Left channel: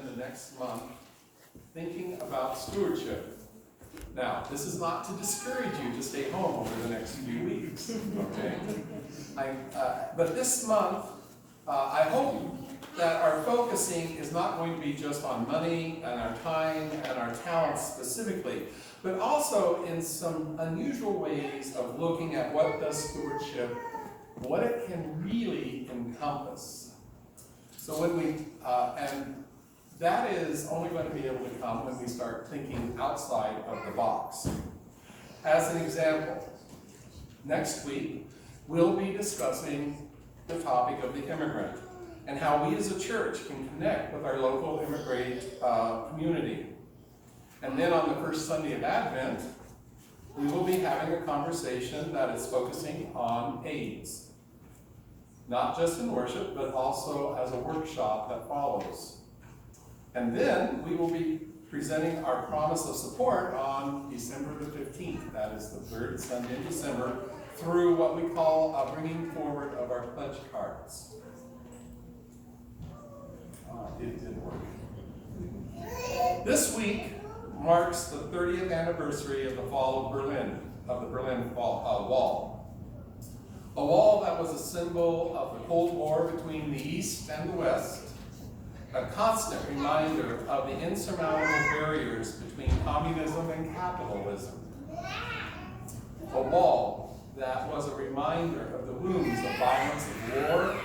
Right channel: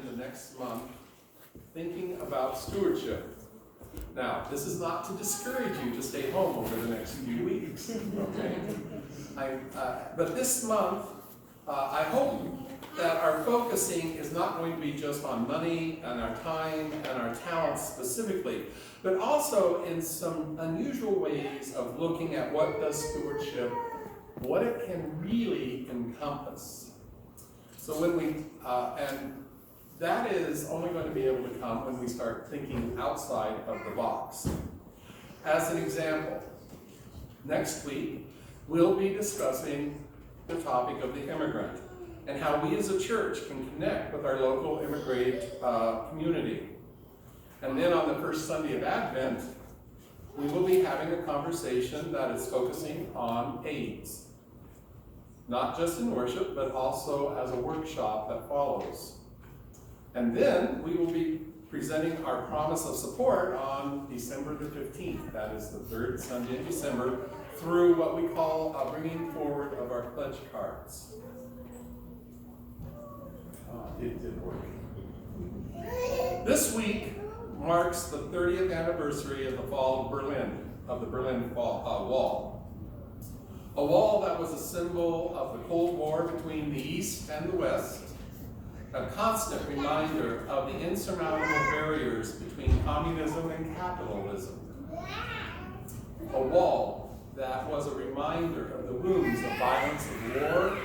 spend the next month thinking about stewardship. Now, this is not to discourage you to stay home over the next few weeks, okay? But this month, I hope that our focusing is not going to be just on money and our time and our talents specifically, but also in some unusual ways of looking at what does stewardship, what it can really encompass. So when we, and that is only going to be able to come when we start thinking outside of the box. As an example, next week, we'll be discussing the topic of the immigrant and how we as a church can connect with our local immigrant community. And then on the first Sunday of Advent, we will be having a conversation that is focusing on AIDS. Not just in worship, but also as a workshop that follows. And then we will be presenting our promise of support on December the 15th. That is the third Sunday in December, through what we call a bringing forward of our pledge cards. It did work. This week marks the 30th anniversary of the fall of Berlin, of the Berlin Wall. A wall that was a symbol of the Cold War between the East and the West, a constant reminder of the insurmountable barriers between communism and capitalism. A wall that was a reminder of the wounds of violence of war,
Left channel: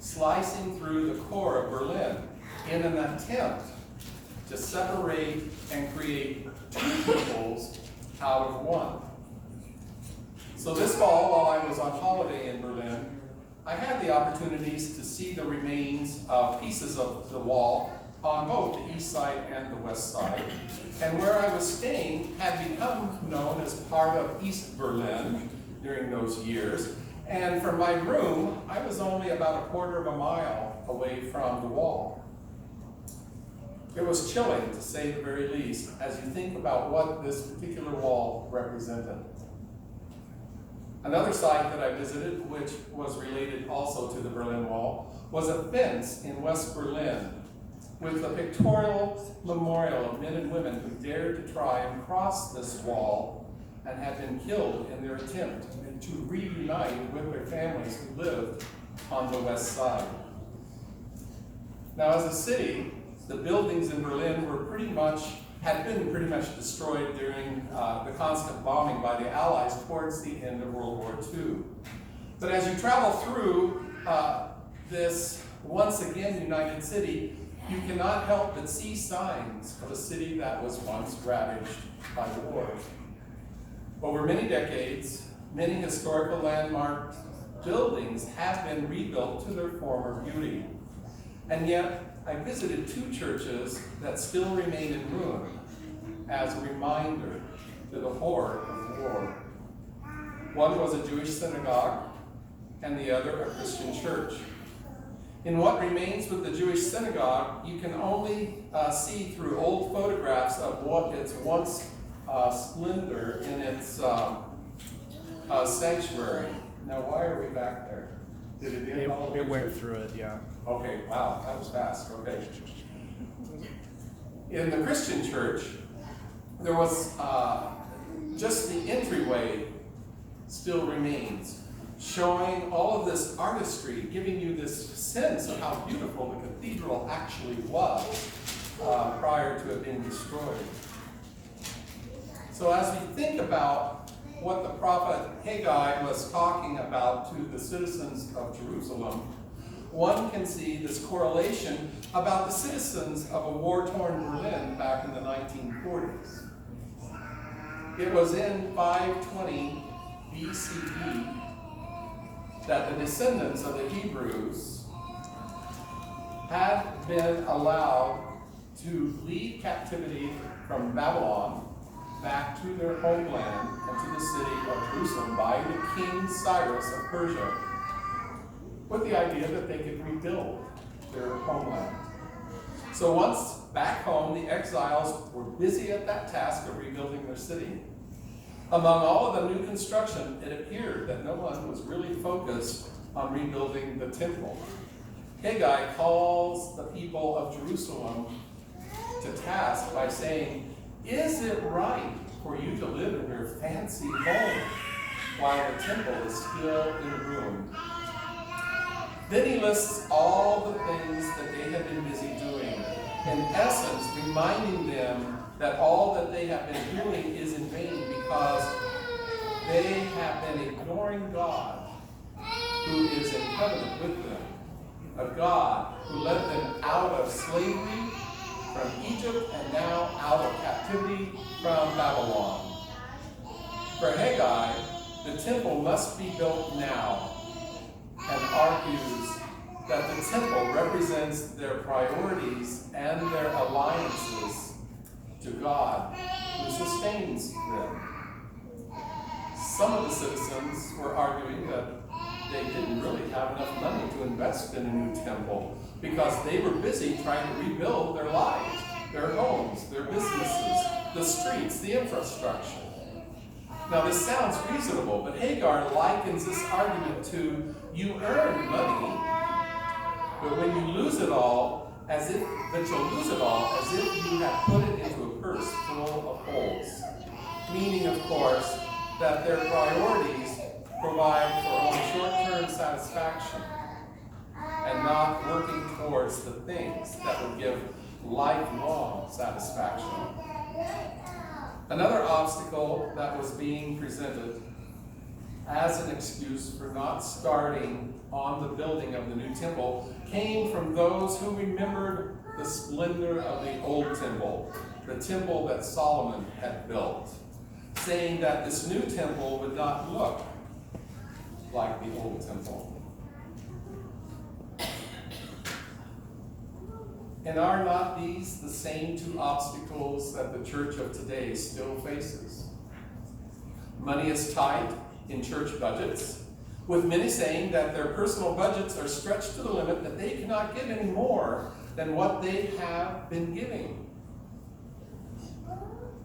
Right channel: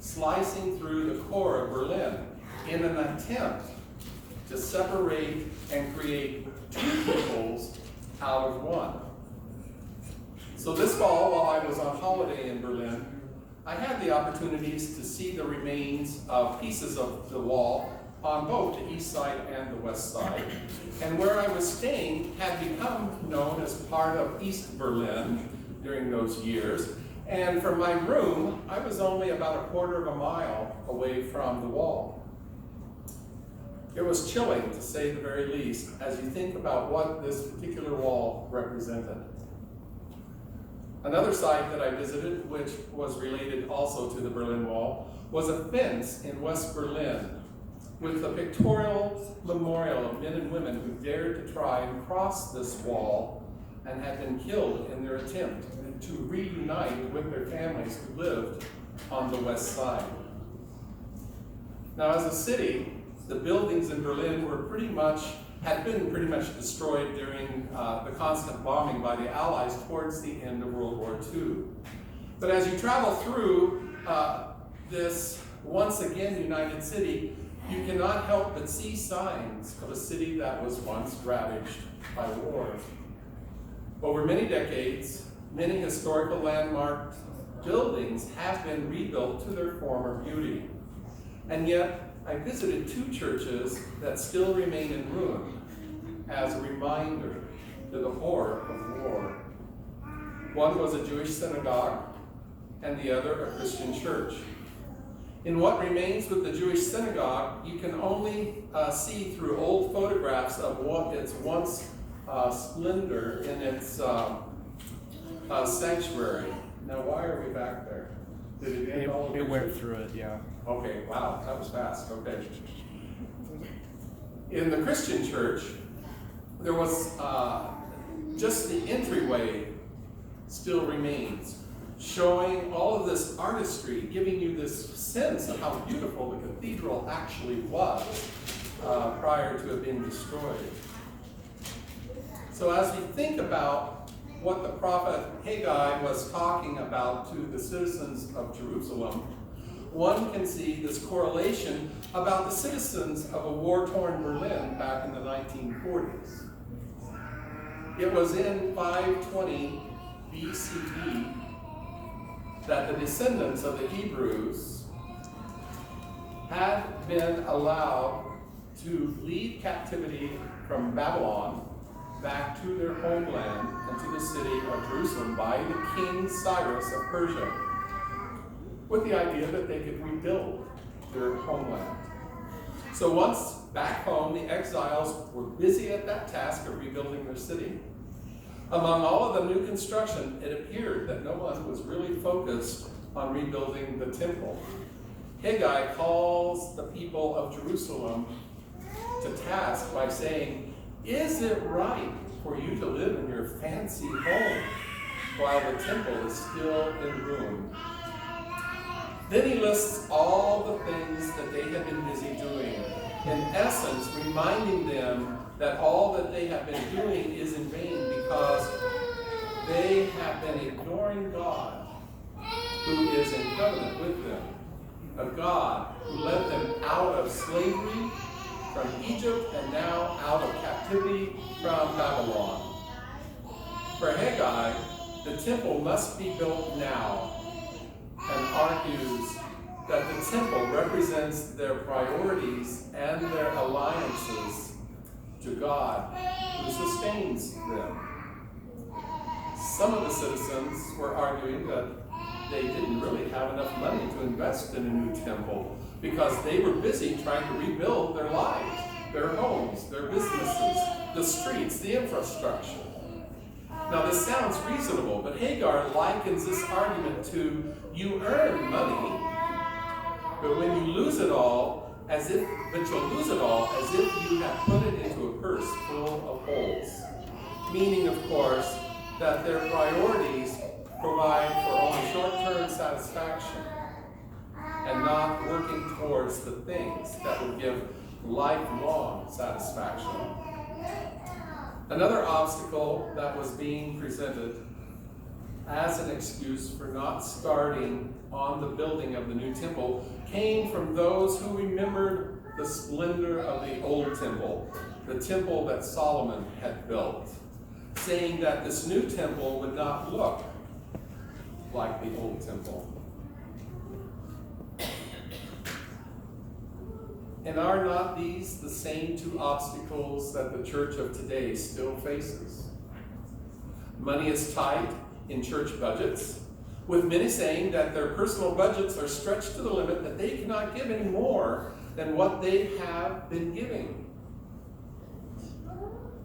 slicing through the core of Berlin in an attempt to separate and create two peoples out of one. So this fall, while I was on holiday in Berlin, I had the opportunities to see the remains of pieces of the wall on both the east side and the west side. And where I was staying had become known as part of East Berlin during those years. And from my room, I was only about a quarter of a mile away from the wall. It was chilling, to say the very least, as you think about what this particular wall represented. Another site that I visited, which was related also to the Berlin Wall, was a fence in West Berlin with a pictorial memorial of men and women who dared to try and cross this wall and had been killed in their attempt to reunite with their families who lived on the west side. Now, as a city, the buildings in Berlin had been pretty much destroyed during the constant bombing by the Allies towards the end of World War II. But as you travel through this once again united city, you cannot help but see signs of a city that was once ravaged by war. Over many decades, many historical landmark buildings have been rebuilt to their former beauty. And yet, I visited two churches that still remain in ruin as a reminder to the horror of war. One was a Jewish synagogue, and the other a Christian church. In what remains with the Jewish synagogue, you can only see through old photographs of what its once splendor in its sanctuary. Now, why are we back there? Did it end all It went through it, yeah. Okay, wow, that was fast, okay. In the Christian church, there was just the entryway still remains, showing all of this artistry, giving you this sense of how beautiful the cathedral actually was prior to it being destroyed. So as we think about what the prophet Haggai was talking about to the citizens of Jerusalem, one can see this correlation about the citizens of a war-torn Berlin back in the 1940s. It was in 520 BCE that the descendants of the Hebrews had been allowed to leave captivity from Babylon back to their homeland and to the city of Jerusalem by the king Cyrus of Persia, with the idea that they could rebuild their homeland. So once back home, the exiles were busy at that task of rebuilding their city. Among all of the new construction, it appeared that no one was really focused on rebuilding the temple. Haggai calls the people of Jerusalem to task by saying, is it right for you to live in your fancy home while the temple is still in ruin? Then he lists all the things that they have been busy doing, in essence reminding them that all that they have been doing is in vain because they have been ignoring God, who is in covenant with them, a God who led them out of slavery from Egypt and now out of captivity from Babylon. For Haggai, the temple must be built now, and argues that the temple represents their priorities and their alliances to God, who sustains them. Some of the citizens were arguing that they didn't really have enough money to invest in a new temple because they were busy trying to rebuild their lives, their homes, their businesses, the streets, the infrastructure. Now this sounds reasonable, but Hagar likens this argument to you earn money, but when you lose it all, you'll lose it all as if you had put it into a purse full of holes. Meaning, of course, that their priorities provide for only short-term satisfaction and not working towards the things that would give lifelong satisfaction. Another obstacle that was being presented as an excuse for not starting on the building of the new temple came from those who remembered the splendor of the old temple, the temple that Solomon had built, saying that this new temple would not look like the old temple. And are not these the same two obstacles that the church of today still faces? Money is tight in church budgets, with many saying that their personal budgets are stretched to the limit that they cannot give any more than what they have been giving.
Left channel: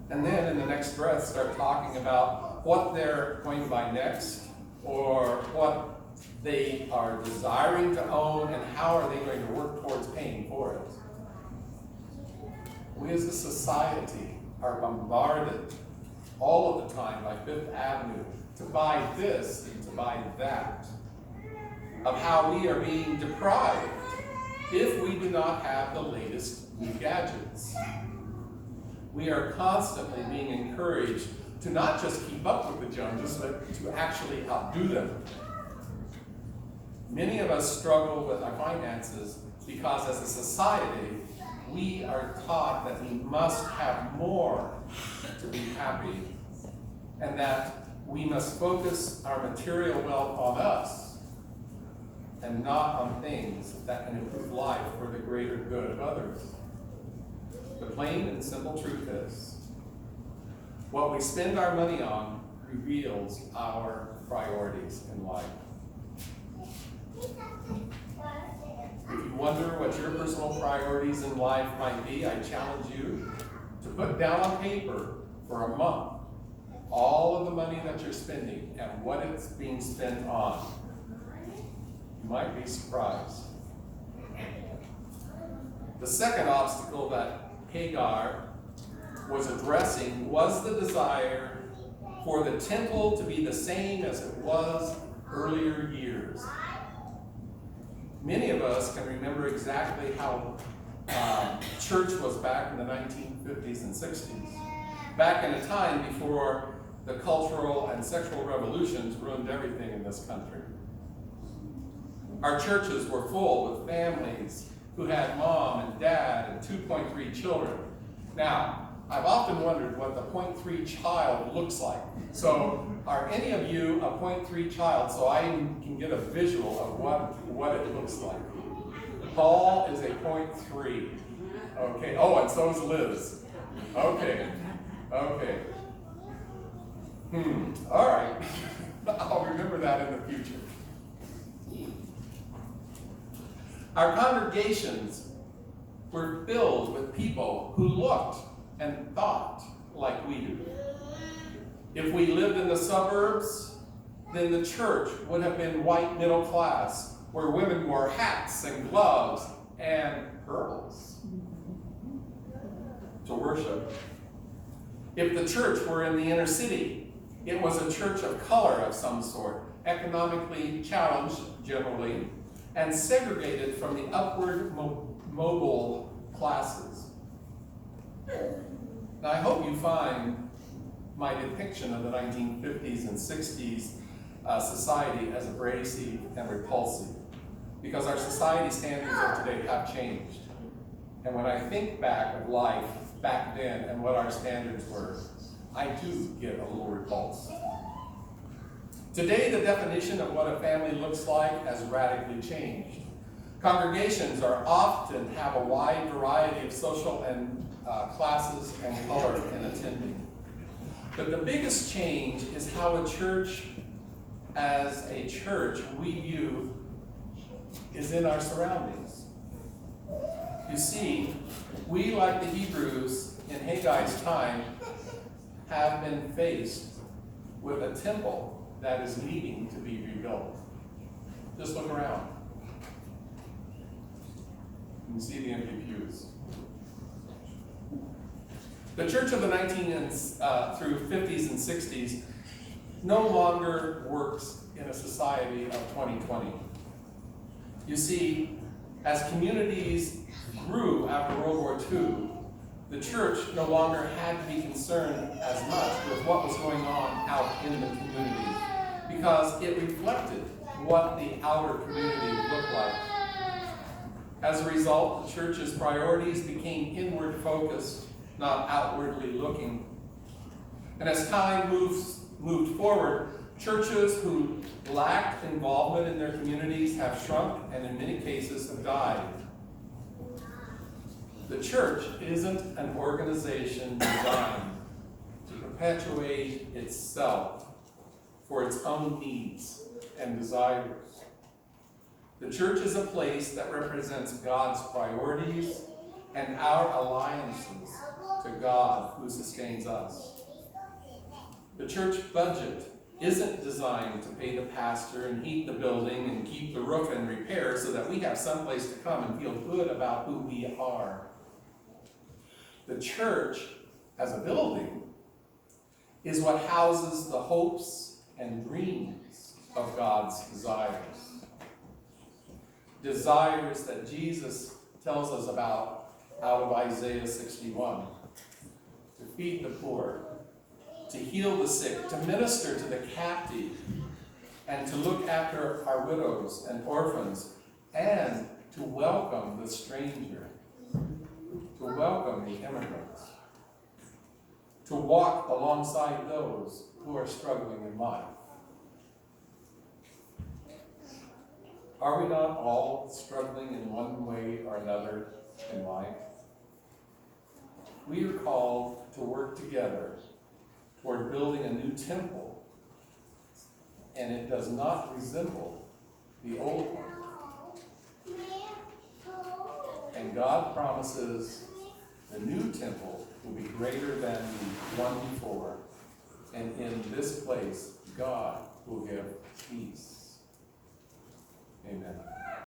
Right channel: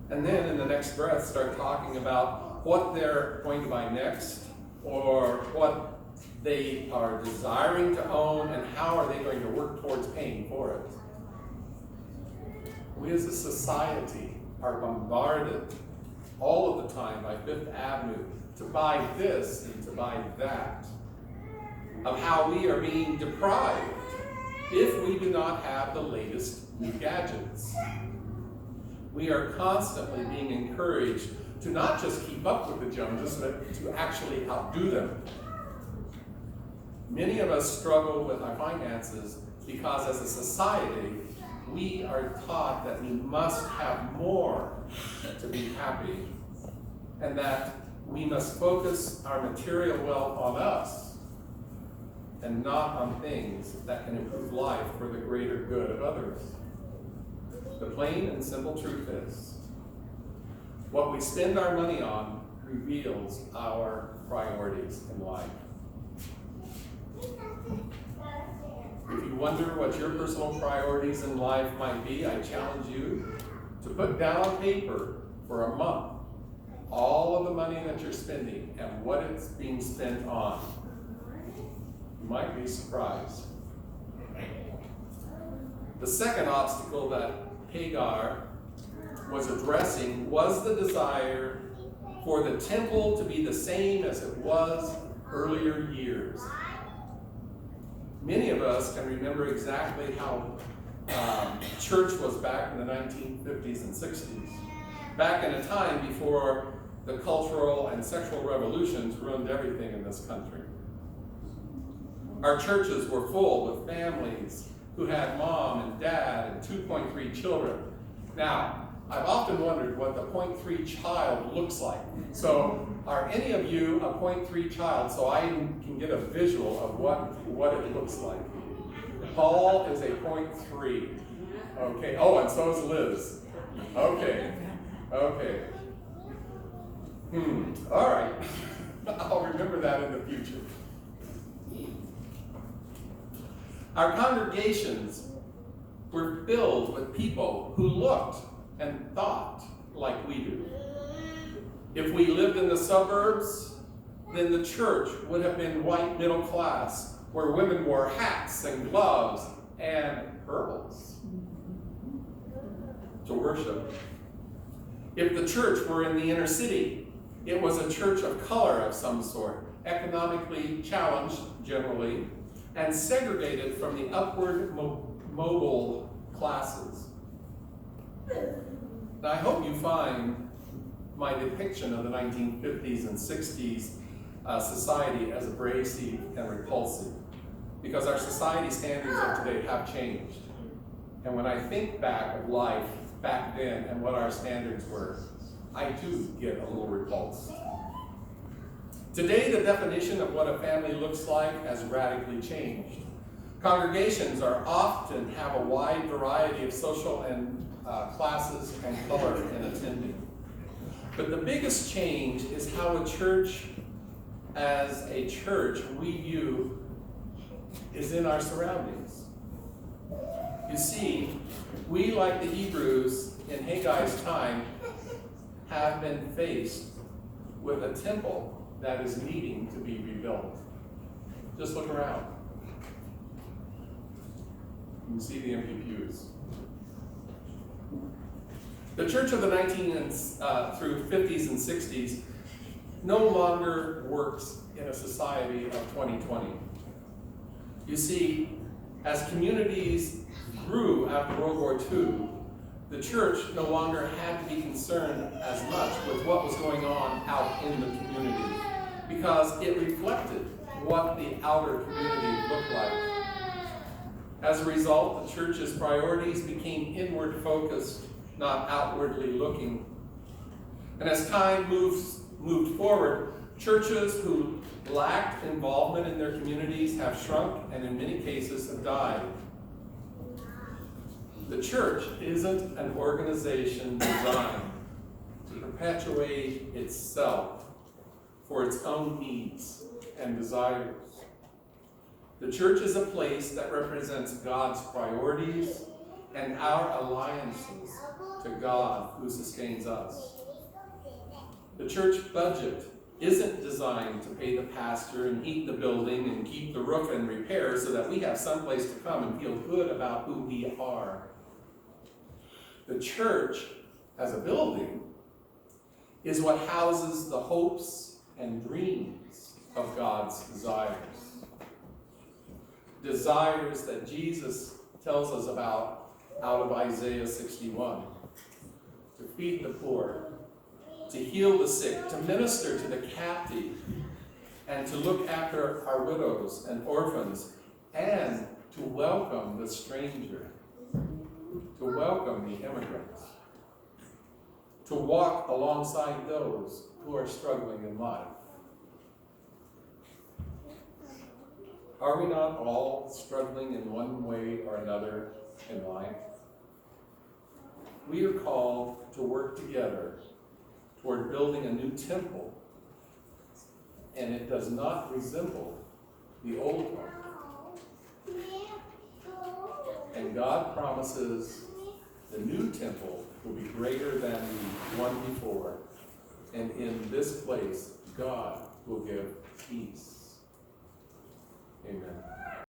And then in the next breath start talking about what they're going to buy next, or what they are desiring to own, and how are they going to work towards paying for it. We as a society are bombarded all of the time by Fifth Avenue to buy this and to buy that, of how we are being deprived if we do not have the latest new gadgets. We are constantly being encouraged to not just keep up with the Joneses, but to actually outdo them. Many of us struggle with our finances because as a society, we are taught that we must have more to be happy, and that we must focus our material wealth on us and not on things that can improve life for the greater good of others. The plain and simple truth is, what we spend our money on reveals our priorities in life. If you wonder what your personal priorities in life might be, I challenge you to put down on paper for a month all of the money that you're spending and what it's being spent on. You might be surprised. The second obstacle that Hagar was addressing was the desire for the temple to be the same as it was earlier years. Many of us can remember exactly how church was back in the 1950s and 60s, back in a time before the cultural and sexual revolutions ruined everything in this country. Our churches were full with families who had mom and dad and 2.3 children. Now, I've often wondered what the 0.3 child looks like. So, are any of you a 0.3 child so I can get a visual of what it looks like? Paul is a 0.3. Okay. Oh, and so is Liz. Okay. All right. I'll remember that in the future. Our congregations were filled with people who looked and thought like we do. If we lived in the suburbs, then the church would have been white middle class where women wore hats and gloves and pearls to worship. If the church were in the inner city, it was a church of color of some sort, economically challenged generally, and segregated from the upward mobile classes. Now, I hope you find my depiction of the 1950s and 60s society as abrasive and repulsive, because our society standards of today have changed. And when I think back of life back then and what our standards were, I do get a little repulsed. Today, the definition of what a family looks like has radically changed. Congregations are often have a wide variety of social and classes and color in attending. But the biggest change is how a church, as a church, we view is in our surroundings. You see, we, like the Hebrews in Haggis' time, have been faced with a temple that is needing to be rebuilt. Just look around. You can see the empty pews. The church of the 19 through 50s and 60s no longer works in a society of 2020. You see, as communities grew after World War II, the church no longer had to be concerned as much with what was going on out in the community, because it reflected what the outer community looked like. As a result, the church's priorities became inward focused, not outwardly looking. And as time moved forward, churches who lacked involvement in their communities have shrunk and in many cases have died. The church isn't an organization designed to perpetuate itself for its own needs and desires. The church is a place that represents God's priorities and our alliances to God who sustains us. The church budget isn't designed to pay the pastor and heat the building and keep the roof in repair so that we have someplace to come and feel good about who we are. The church, as a building, is what houses the hopes and dreams of God's desires. Desires that Jesus tells us about out of Isaiah 61. To feed the poor, to heal the sick, to minister to the captive, and to look after our widows and orphans, and to welcome the stranger, to welcome the immigrants, to walk alongside those who are struggling in life. Are we not all struggling in one way or another in life? We are called to work together toward building a new temple, and it does not resemble the old one. And God promises the new temple will be greater than the one before, and in this place, God will give peace. Amen.